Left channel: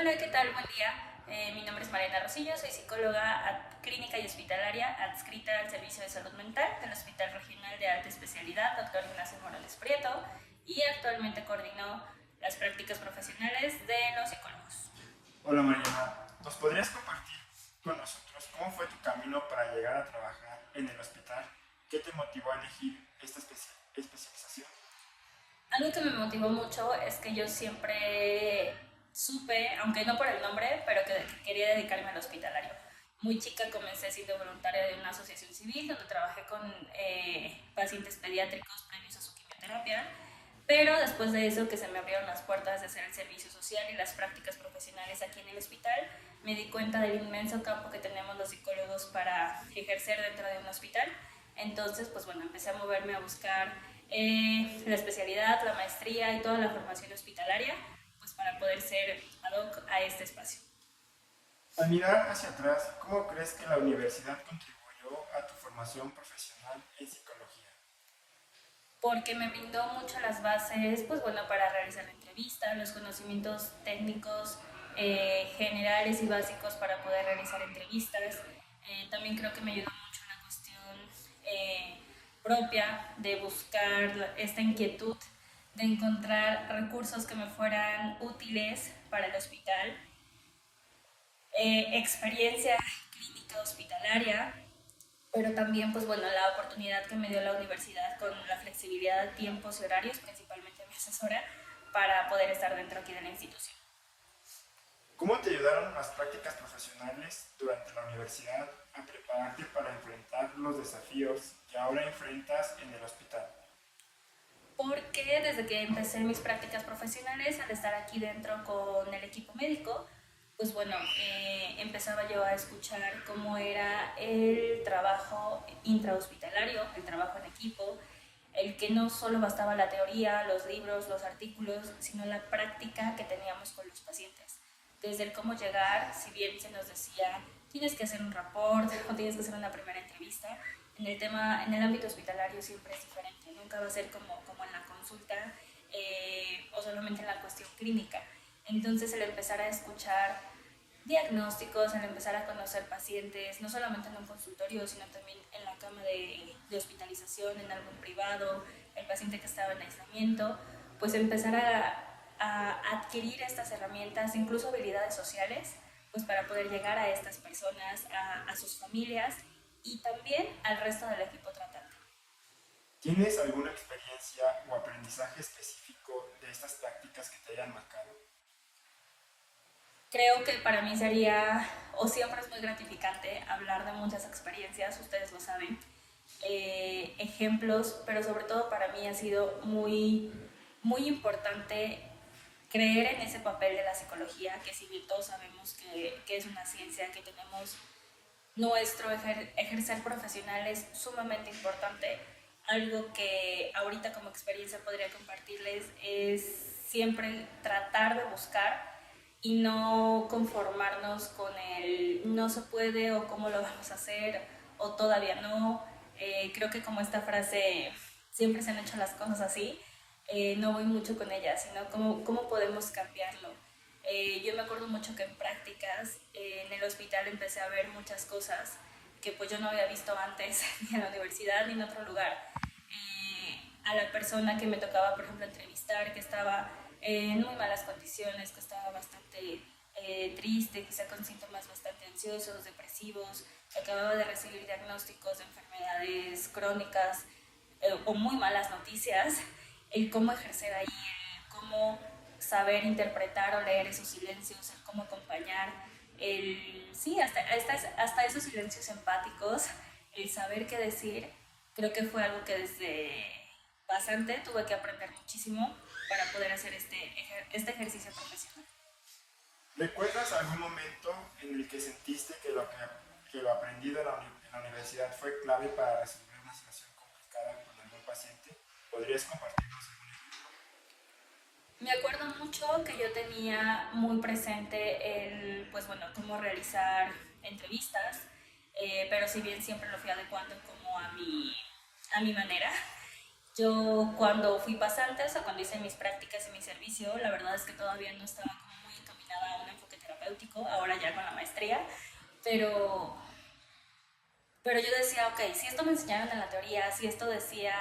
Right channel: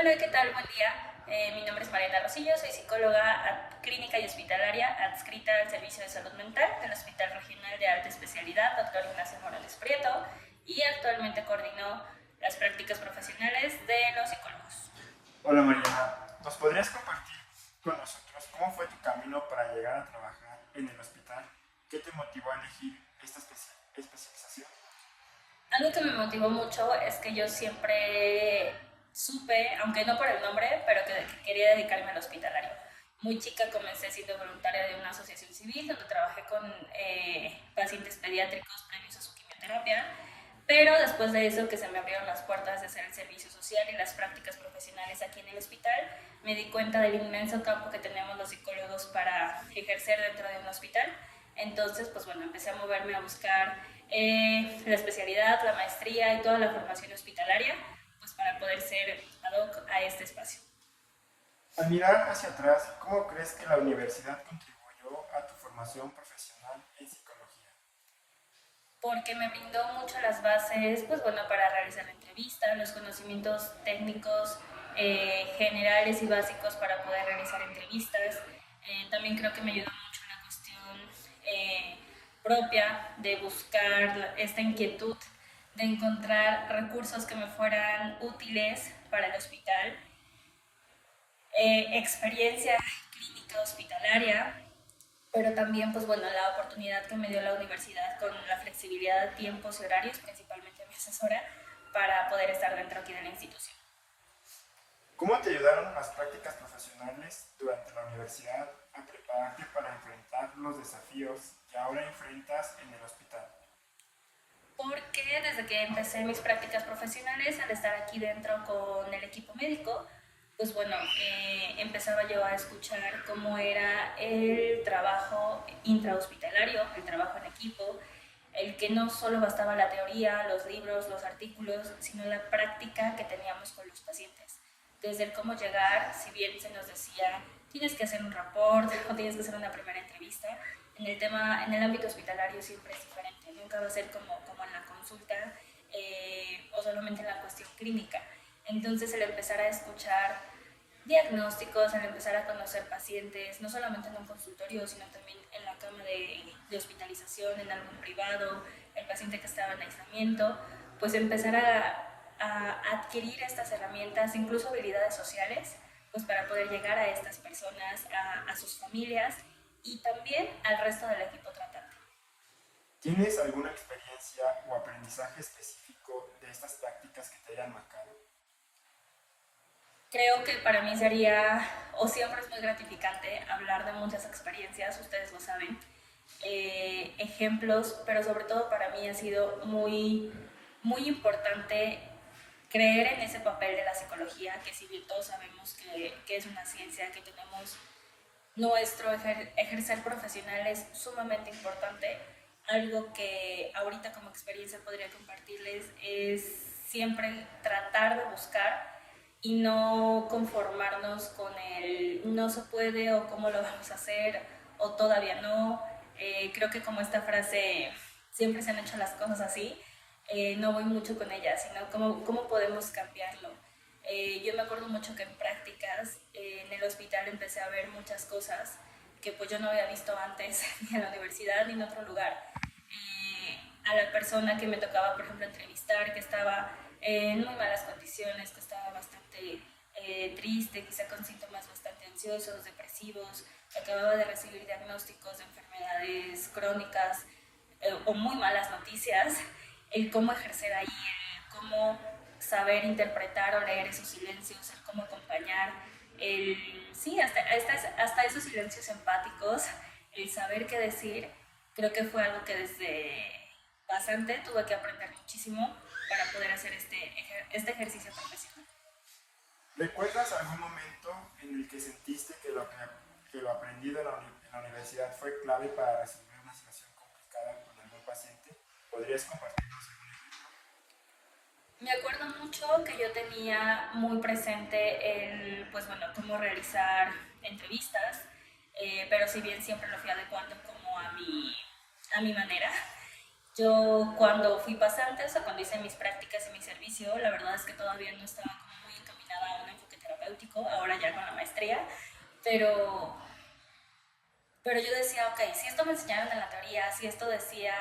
Hola, ¿qué tal? Buen día. Mi nombre es Mariana Rosillo, soy psicóloga clínica y hospitalaria adscrita al Servicio de Salud Mental del Hospital Regional de Alta Especialidad Dr. Ignacio Morales Prieto y actualmente coordino las prácticas profesionales de los psicólogos. Hola Mariana, ¿nos podrías compartir con nosotros cómo fue tu camino para llegar a trabajar en el hospital? ¿Qué te motivó a elegir esta especialización? Algo que me motivó mucho es que yo siempre supe, aunque no por el nombre, pero que quería dedicarme al hospitalario. Muy chica comencé siendo voluntaria de una asociación civil donde trabajé con pacientes pediátricos previos a su quimioterapia, pero después de eso que se me abrieron las puertas de hacer el servicio social y las prácticas profesionales aquí en el hospital, me di cuenta del inmenso campo que tenemos los psicólogos para ejercer dentro de un hospital. Entonces, pues bueno, empecé a moverme a buscar la especialidad, la maestría y toda la formación hospitalaria, pues para poder ser ad hoc a este espacio. Al mirar hacia atrás, ¿cómo crees que la universidad contribuyó a tu formación profesional en psicología? Porque me brindó mucho las bases, pues bueno, para realizar la entrevista, los conocimientos técnicos generales y básicos para poder realizar entrevistas. También creo que me ayudó mucho en la cuestión eh, propia de buscar esta inquietud de encontrar recursos que me fueran útiles para el hospital, experiencia clínica hospitalaria, pero también, pues bueno, la oportunidad que me dio la universidad con la flexibilidad de tiempos y horarios, principalmente mi asesora, para poder estar dentro aquí de la institución. ¿Cómo te ayudaron las prácticas profesionales durante la universidad a prepararte para enfrentar los desafíos que ahora enfrentas en el hospital? Porque desde que empecé mis prácticas profesionales, al estar aquí dentro con el equipo médico, pues bueno, empezaba yo a escuchar cómo era el trabajo intrahospitalario, el trabajo en equipo, el que no solo bastaba la teoría, los libros, los artículos, sino la práctica que teníamos con los pacientes. Desde el cómo llegar, si bien se nos decía, tienes que hacer un report o tienes que hacer una primera entrevista, en el ámbito hospitalario siempre es diferente, nunca va a ser como en la consulta o solamente en la cuestión clínica. Entonces el empezar a escuchar diagnósticos, el empezar a conocer pacientes, no solamente en un consultorio, sino también en la cama de hospitalización, en algún privado, el paciente que estaba en aislamiento, pues empezar a adquirir estas herramientas, incluso habilidades sociales, pues para poder llegar a estas personas, a sus familias y también al resto del equipo tratante. ¿Tienes alguna experiencia o aprendizaje específico de estas prácticas que te hayan marcado? Creo que para mí sería, o siempre es muy gratificante hablar de muchas experiencias, ustedes lo saben, ejemplos, pero sobre todo para mí ha sido muy importante creer en ese papel de la psicología, que si bien todos sabemos que es una ciencia, que tenemos nuestro ejercer profesional es sumamente importante. Algo que ahorita como experiencia podría compartirles es siempre tratar de buscar y no conformarnos con el no se puede o cómo lo vamos a hacer o todavía no. Creo que como esta frase siempre se han hecho las cosas así, no voy mucho con ella, sino cómo podemos cambiarlo. Yo me acuerdo mucho que en prácticas en el hospital empecé a ver muchas cosas que pues yo no había visto antes ni en la universidad ni en otro lugar. A la persona que me tocaba, por ejemplo, entrevistar, que estaba en muy malas condiciones, que estaba bastante triste, quizá con síntomas bastante ansiosos, depresivos, acababa de recibir diagnósticos de enfermedades crónicas o muy malas noticias, el cómo ejercer ahí, el cómo saber interpretar o leer esos silencios, el cómo acompañar, sí, hasta esos silencios empáticos, el saber qué decir, creo que fue algo que desde bastante tuve que aprender muchísimo para poder hacer este ejercicio profesional. ¿Recuerdas algún momento en el que sentiste que lo aprendido en la universidad fue clave para resolver una situación complicada con algún paciente? ¿Podrías compartirnos algún ejemplo? Me acuerdo mucho que yo tenía muy presente el, pues bueno, cómo realizar entrevistas, pero si bien siempre lo fui adecuando como a mi manera. Yo cuando fui pasante, o sea, cuando hice mis prácticas y mi servicio, la verdad es que todavía no estaba como muy encaminada a un enfoque terapéutico, ahora ya con la maestría, pero, pero yo decía, ok, si esto me enseñaron en la teoría, si esto decía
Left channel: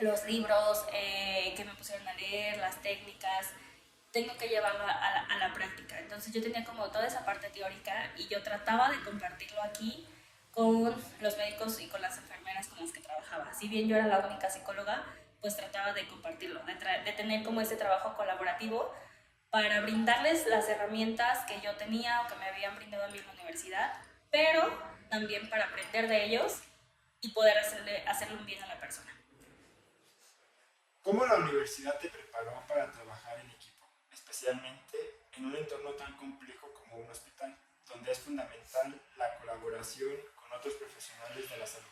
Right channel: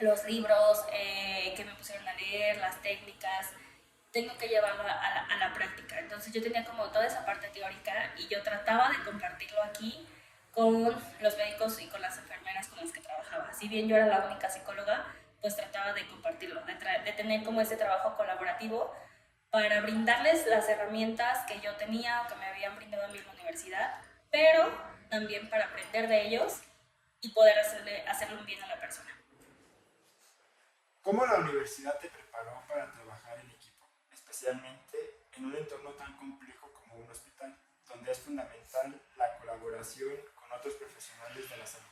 los libros que me pusieron a leer, las técnicas, tengo que llevarlo a la práctica. Entonces yo tenía como toda esa parte teórica y yo trataba de compartirlo aquí con los médicos y con las enfermeras con las que trabajaba. Si bien yo era la única psicóloga, pues trataba de compartirlo, de tener como ese trabajo colaborativo para brindarles las herramientas que yo tenía o que me habían brindado a mí en la universidad, pero también para aprender de ellos y poder hacerle un bien a la persona. ¿Cómo la universidad te preparó para trabajar en equipo, especialmente en un entorno tan complejo como un hospital, donde es fundamental la colaboración con otros profesionales de la salud?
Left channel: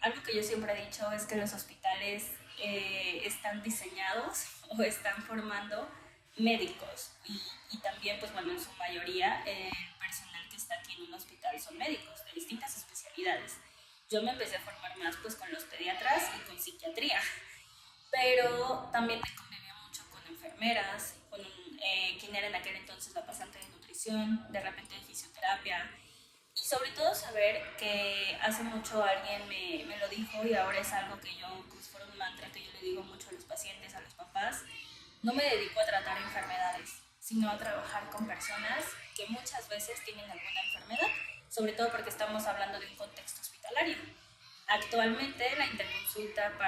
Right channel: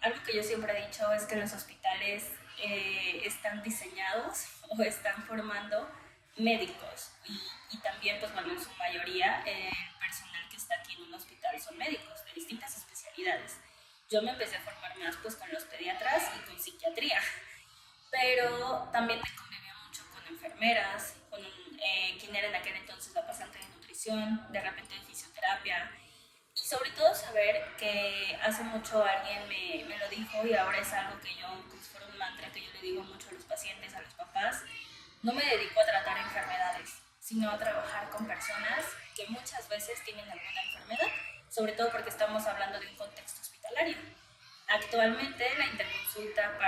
Algo que yo siempre he dicho es que los hospitales están diseñados o están formando médicos y también, pues bueno, en su mayoría el personal que está aquí en un hospital son médicos de distintas especialidades. Yo me empecé a formar más pues con los pediatras y con psiquiatría, pero también me conviví mucho con enfermeras, con quien era en aquel entonces la pasante de nutrición, de repente de fisioterapia, y sobre todo saber que hace mucho alguien me lo dijo y ahora es algo que yo, pues fue un mantra que yo le digo mucho a los pacientes, a los papás, no me dedico a tratar enfermedades, sino a trabajar con personas que muchas veces tienen alguna enfermedad, sobre todo porque estamos hablando de un contexto hospitalario. Actualmente la interconsulta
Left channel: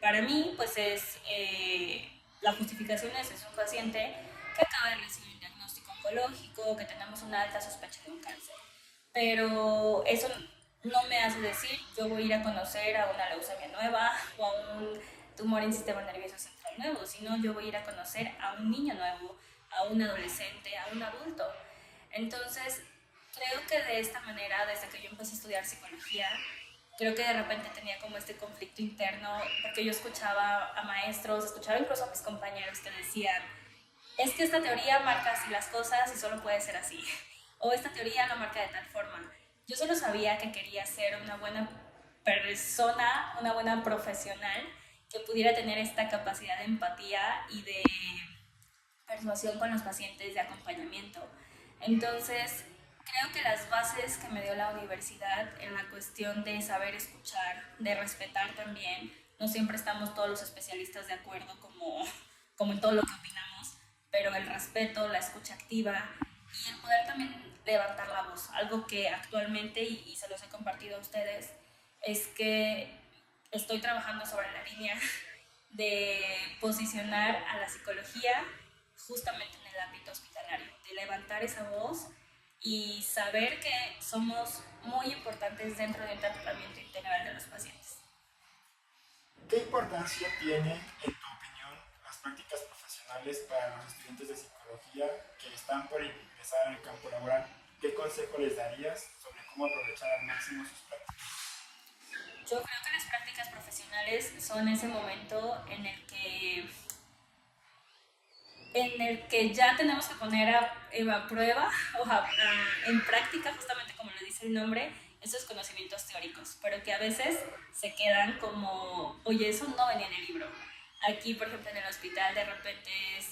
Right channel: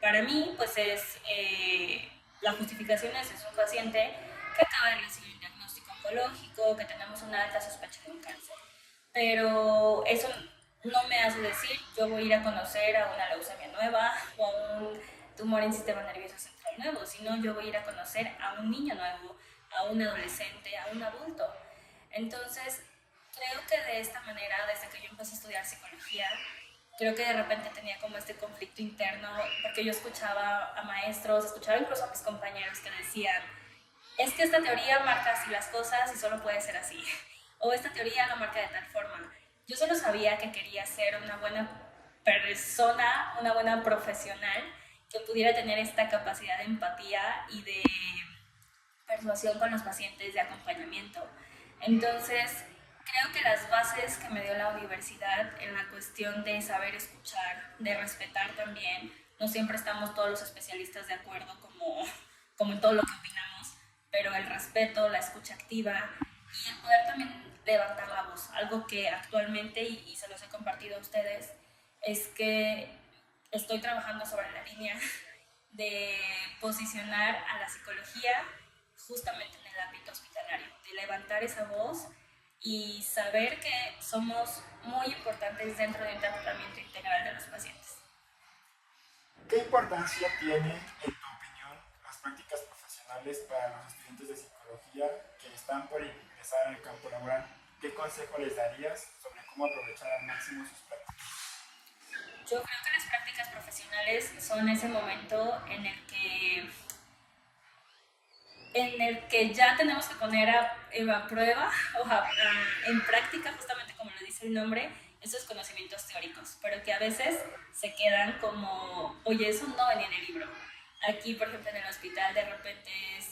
para mí pues es, la justificación es un paciente que acaba de recibir un diagnóstico oncológico, que tenemos una alta sospecha de un cáncer. Pero eso no me hace decir yo voy a ir a conocer a una leucemia nueva o a un tumor en sistema nervioso central nuevo, sino yo voy a ir a conocer a un niño nuevo, a un adolescente, a un adulto. Entonces, creo que de esta manera, desde que yo empecé a estudiar psicología, creo que de repente tenía como este conflicto interno, porque yo escuchaba a maestros, escuchaba incluso a mis compañeros que decían, es que esta teoría marca así las cosas y solo puede ser así, o esta teoría lo marca de tal forma. Yo solo sabía que quería ser una buena persona, una buena profesional, que pudiera tener esta capacidad de empatía y de persuasión con los pacientes, de acompañamiento. Entonces, creo que las bases que me dio la universidad en la cuestión de saber escuchar, de respetar también, no siempre estamos todos los especialistas de acuerdo como en todo lo que opinamos, pero el respeto, la escucha activa y el poder también levantar la voz, algo que actualmente, y se los he compartido a ustedes, es que estoy trabajando sobre la línea de posicionar a la psicología justamente en el ámbito hospitalario, de levantar esa voz y saber que somos muy importantes dentro del tratamiento integral de los pacientes. ¿Qué importancia tiene, en tu opinión, las prácticas profesionales para los estudiantes de psicología que están por ingresar al campo laboral? ¿Qué consejo les darías sobre cómo aprovechar al máximo sus prácticas? Yo creo que las prácticas profesionales son ese momento en el que ya tenemos que poner a prueba o en práctica, justamente como lo dice el nombre, esos conocimientos teóricos, pero que a veces se quedan como, oye, eso no venía en el libro. Aquí, por ejemplo, en el hospital, de repente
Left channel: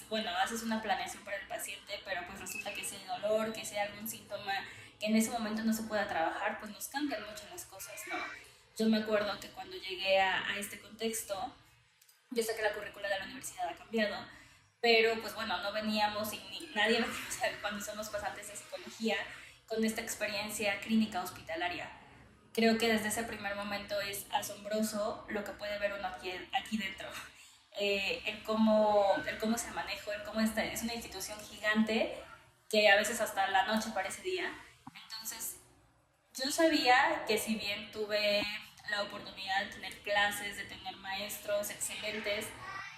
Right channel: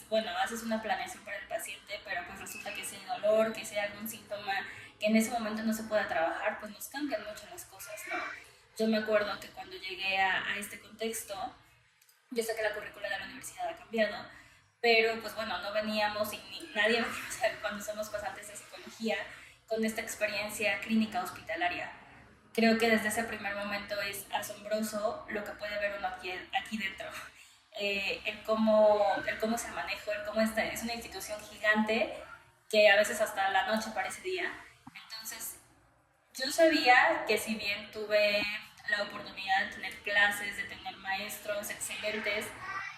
bueno, haces una planeación para el paciente, pero pues resulta que si hay dolor, que si hay algún síntoma que en ese momento no se pueda trabajar, pues nos cambian mucho las cosas, ¿no? Yo me acuerdo que cuando llegué a este contexto, yo sé que la currícula de la universidad ha cambiado, pero pues bueno, no veníamos y nadie venimos cuando somos pasantes de psicología con esta experiencia clínica hospitalaria. Creo que desde ese primer momento es asombroso lo que puede ver uno aquí dentro. El cómo se maneja, el cómo es una institución gigante que a veces hasta la noche parece día. Entonces, yo sabía que si bien tuve la oportunidad de tener clases, de tener maestros excelentes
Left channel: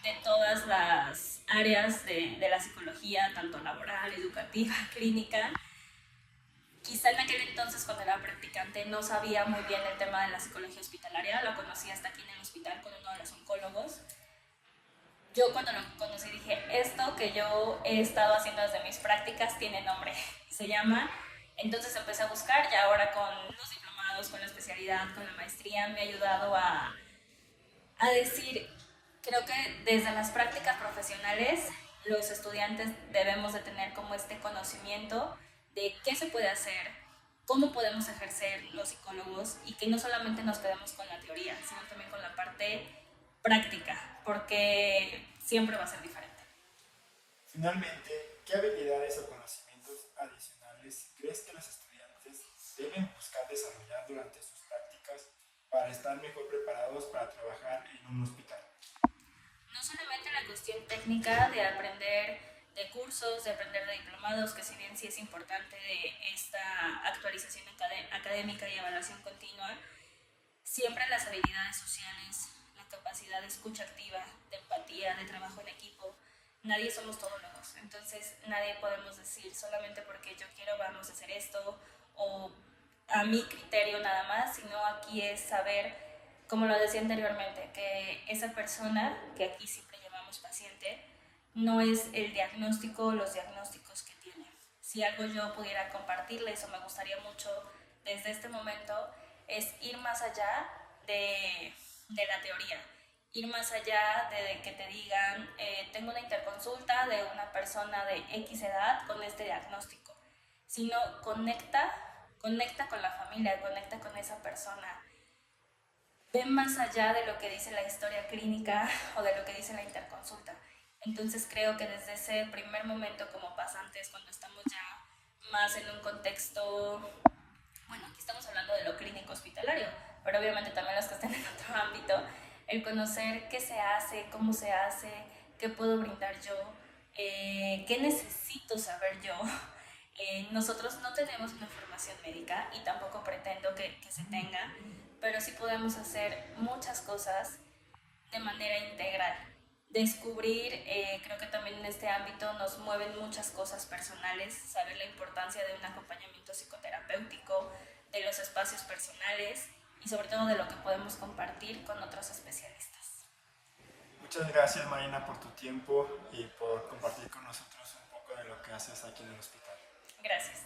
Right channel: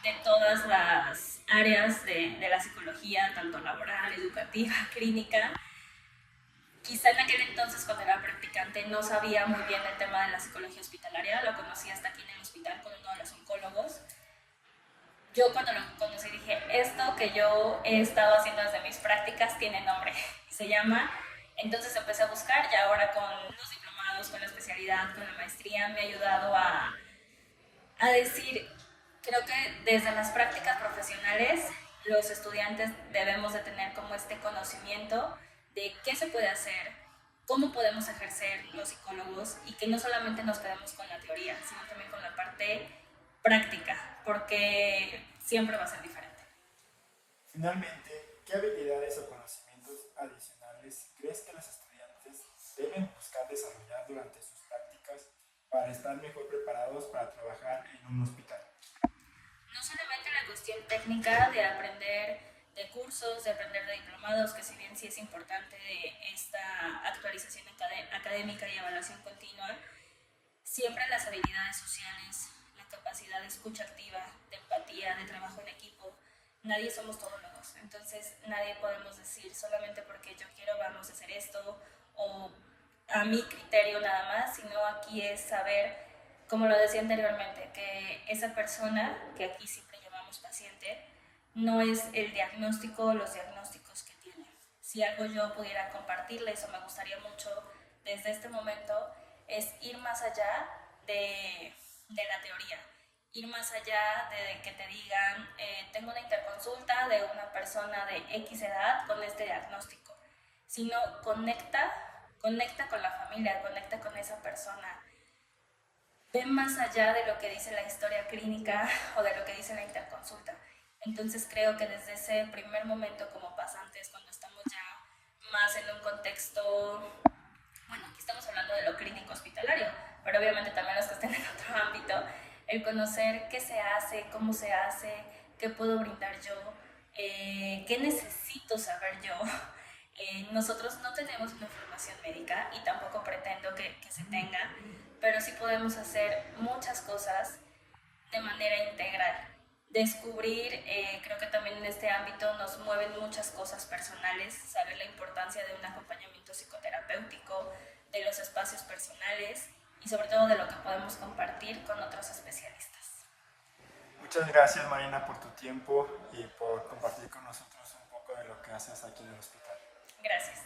de todas las áreas de la psicología, tanto laboral, educativa, clínica, quizá en aquel entonces cuando era practicante no sabía muy bien el tema de la psicología hospitalaria, lo conocí hasta aquí en el hospital con uno de los oncólogos. Yo cuando lo conocí dije, esto que yo he estado haciendo desde mis prácticas tiene nombre, se llama. Entonces empecé a buscar, ya ahora con los diplomados, con la especialidad, con la maestría, me ha ayudado a decir Creo que desde las prácticas profesionales los estudiantes debemos de tener como este conocimiento de qué se puede hacer, cómo podemos ejercer los psicólogos y que no solamente nos quedemos con la teoría, sino también con la parte práctica, porque siempre va a ser diferente. Finalmente, ¿qué habilidades o conocimientos adicionales crees que los estudiantes deben buscar desarrollar durante sus prácticas para estar mejor preparados para trabajar en un hospital? No solamente la cuestión técnica de aprender de cursos, de aprender de diplomados, que si bien sí es importante de esta actualización académica y evaluación continua, siempre las habilidades sociales, la capacidad de escucha activa, de empatía, de trabajo en equipo, nadie somos todólogos, entonces nadie podemos decir solamente porque yo quiero vamos a hacer esto o a mi criterio nada más, sino aquí es saber, como lo decía anteriormente, que esa persona, que aquí siempre llamamos paciente, no es el diagnóstico o los diagnósticos que tiene. Si algo yo pudiera compartirles o me gustaría mucho desde este momento es ir más allá de la teoría, ir más allá de que te digan, tengo una interconsulta de una persona de X edad con este diagnóstico, sino conecta con la familia, conecta con esa persona, ve más allá de lo que dice la historia clínica o de lo que dice la interconsulta. Entonces creo que desde ese primer momento como pasantes, cuando estamos ya más en un contexto, bueno, aquí estamos hablando de lo clínico hospitalario, pero obviamente también los que estén en otro ámbito, el conocer qué se hace, cómo se hace, qué puedo brindar yo, qué necesito saber yo. Nosotros no tenemos una formación médica y tampoco pretendo que se tenga, pero sí podemos hacer muchas cosas de manera integral. Descubrir, creo que también en este ámbito nos mueven muchas cosas personales, saber la importancia de un acompañamiento psicoterapéutico, de los espacios personales y sobre todo de lo que podemos compartir con otros especialistas. Muchas gracias, Marina, por tu tiempo y por compartir con nosotros un poco de lo que haces aquí en el hospital. Gracias.